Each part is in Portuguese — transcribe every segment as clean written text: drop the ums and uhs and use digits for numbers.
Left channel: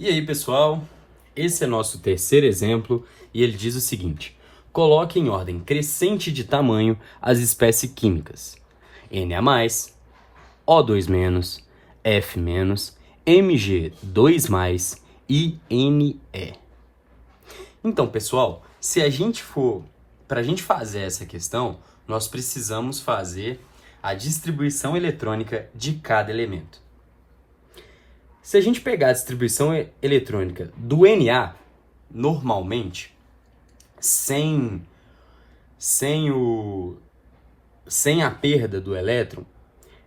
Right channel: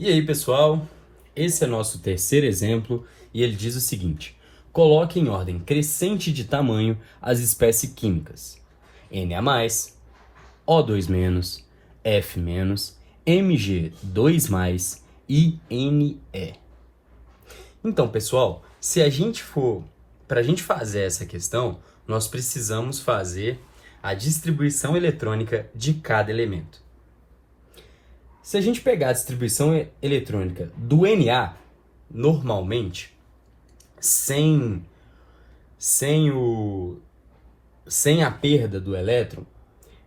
E aí, pessoal, esse é nosso terceiro exemplo e ele diz o seguinte: coloque em ordem crescente de tamanho as espécies químicas Na+, O2-, F-, Mg2+, e Ne. Então, pessoal, para a gente fazer essa questão, nós precisamos fazer a distribuição eletrônica de cada elemento. Se a gente pegar a distribuição eletrônica do Na, normalmente, sem a perda do elétron,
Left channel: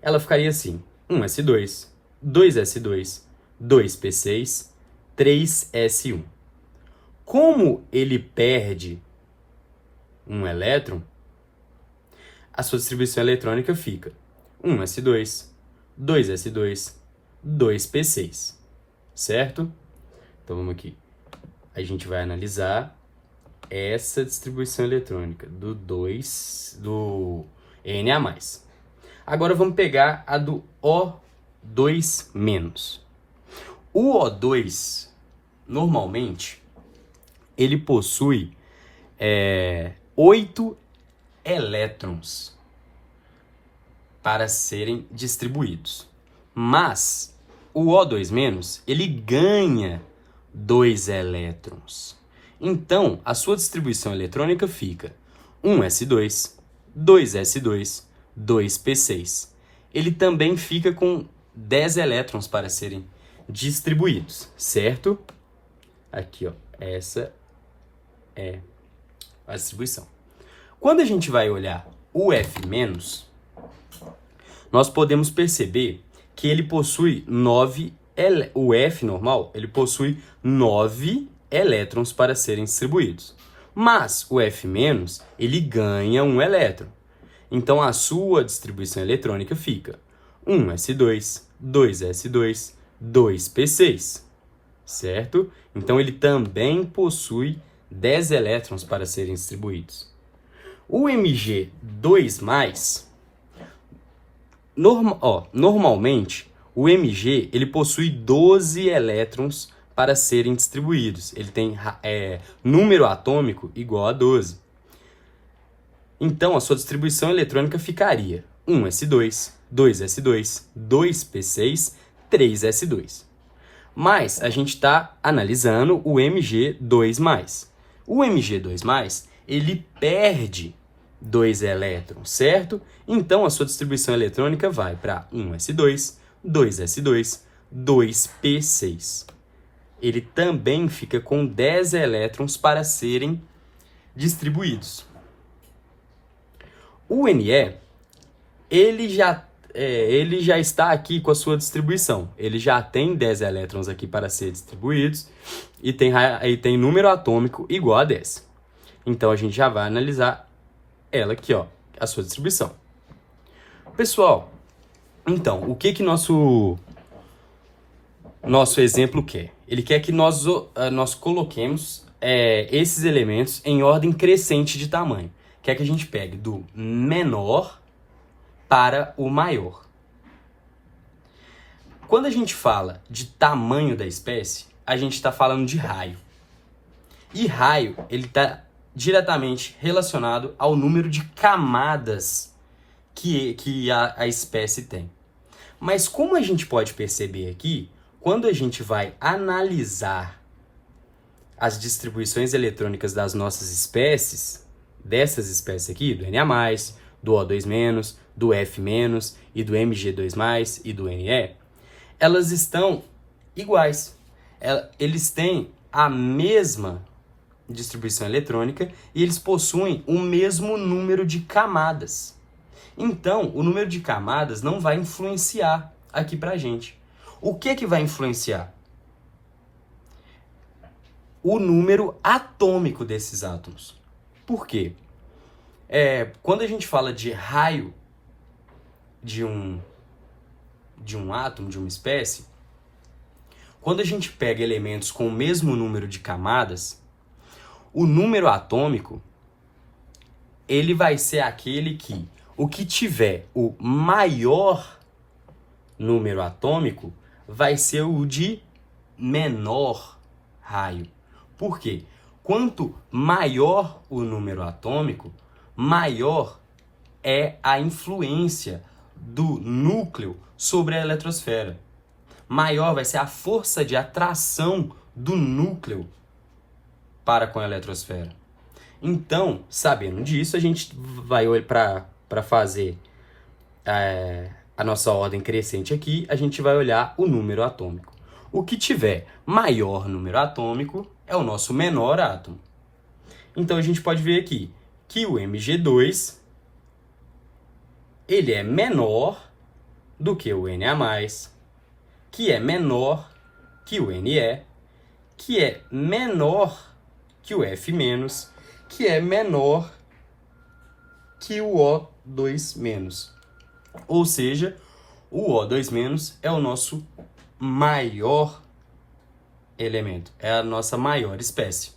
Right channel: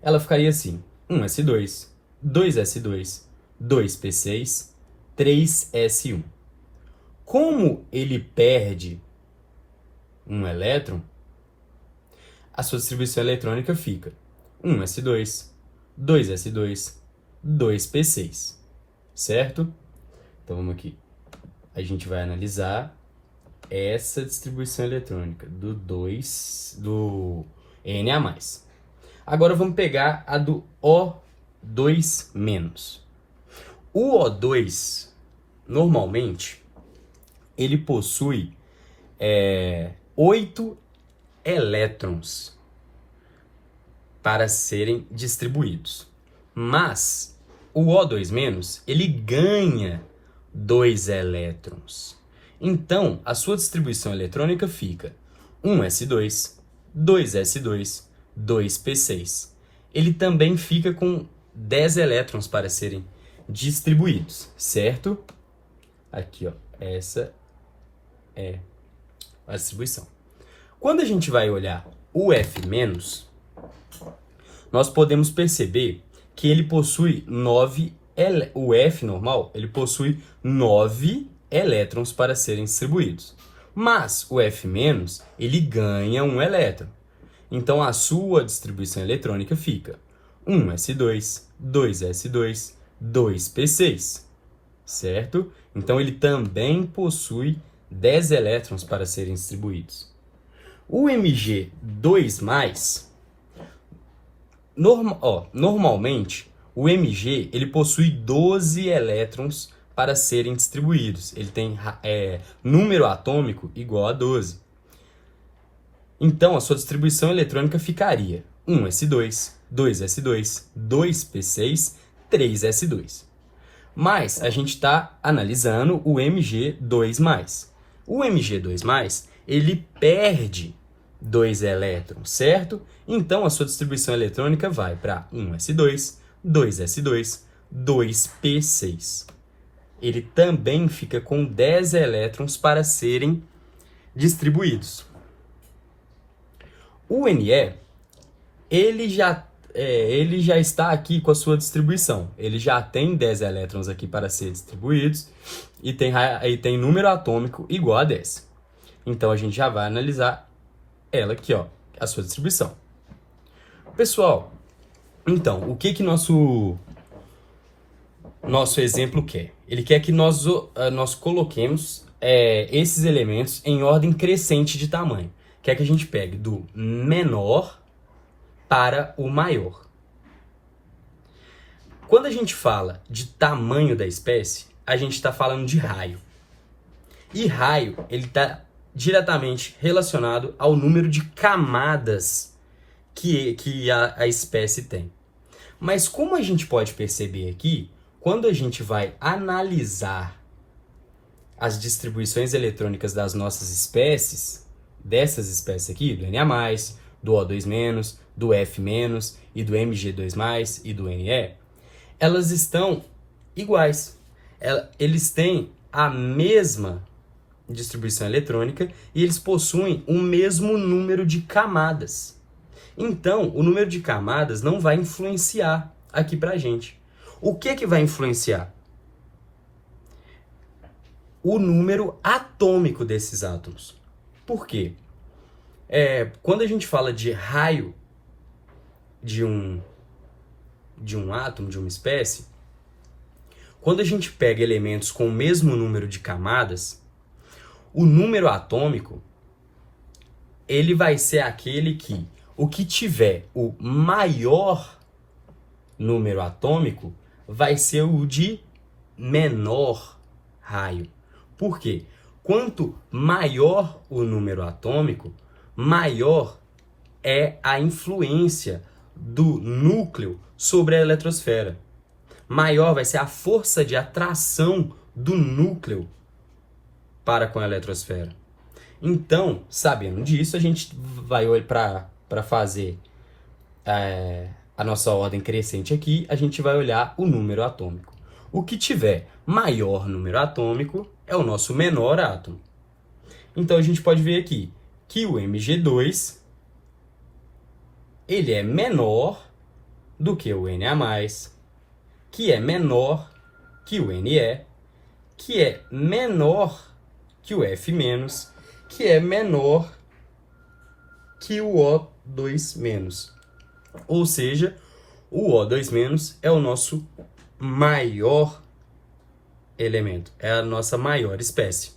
ela ficaria assim: 1s2, 2s2, 2p6, 3s1. Como ele perde um elétron, a sua distribuição eletrônica fica 1s2, 2s2, 2p6, certo? Então vamos aqui. A gente vai analisar essa distribuição eletrônica do Na+. Agora vamos pegar a do O2-. O O2, normalmente, ele possui 8 elétrons para serem distribuídos. Mas o O2-, ele ganha 2 elétrons. Então, a sua distribuição eletrônica fica 1s2, 2s2, 2p6. Ele também fica com 10 elétrons para serem distribuídos, certo? Aqui, ó, essa é a distribuição. Quando a gente vai olhar o F-, nós podemos perceber que ele possui o F normal, ele possui 9 elétrons para serem distribuídos. Mas o F-, ele ganha um elétron. Então a sua distribuição eletrônica fica 1s2, 2s2, 2p6, certo? Então ele também possui 10 elétrons para serem distribuídos. O Mg2+, normalmente, o Mg ele possui 12 elétrons para serem distribuídos. Ele tem número atômico igual a 12. Então, a sua distribuição eletrônica ficaria 1s2, 2s2, 2p6, 3s2. Mas a gente está analisando o Mg2+. O Mg2+, ele perde 2 elétrons, certo? Então, a sua distribuição eletrônica vai para 1s2, 2s2, 2p6. Ele também fica com 10 elétrons para serem distribuídos. O Ne, ele já está aqui com a sua distribuição. Ele já tem 10 elétrons aqui para ser distribuídos e tem número atômico igual a 10. Então, a gente já vai analisar ela aqui, ó, a sua distribuição. Pessoal, então, o que nosso exemplo quer? Ele quer que nós coloquemos esses elementos em ordem crescente de tamanho. Quer que a gente pegue do menor para o maior. Quando a gente fala de tamanho da espécie, a gente está falando de raio. E raio, ele está diretamente relacionado ao número de camadas que a espécie tem. Mas como a gente pode perceber aqui, quando a gente vai analisar as distribuições eletrônicas das nossas espécies, dessas espécies aqui, do Na+, do O2-, do F- e do Mg2+, e do Ne, elas estão iguais. Eles têm a mesma distribuição eletrônica e eles possuem o mesmo número de camadas. Então, o número de camadas não vai influenciar aqui pra gente. O que vai influenciar? O número atômico desses átomos. Por quê? Quando a gente fala de raio de um átomo, de uma espécie, quando a gente pega elementos com o mesmo número de camadas, o número atômico ele vai ser aquele que o que tiver o maior número atômico vai ser o de menor raio. Por quê? Quanto maior o número atômico, maior é a influência do núcleo sobre a eletrosfera. Maior vai ser a força de atração do núcleo para com a eletrosfera. Então, sabendo disso, a gente vai para fazer a nossa ordem crescente aqui, a gente vai olhar o número atômico. O que tiver maior número atômico é o nosso menor átomo. Então, a gente pode ver aqui que o Mg2 ele é menor do que o Na+, que é menor que o Ne, que é menor que o F-, que é menor que o O2-. Ou seja, o O2- é o nosso maior elemento, é a nossa maior espécie.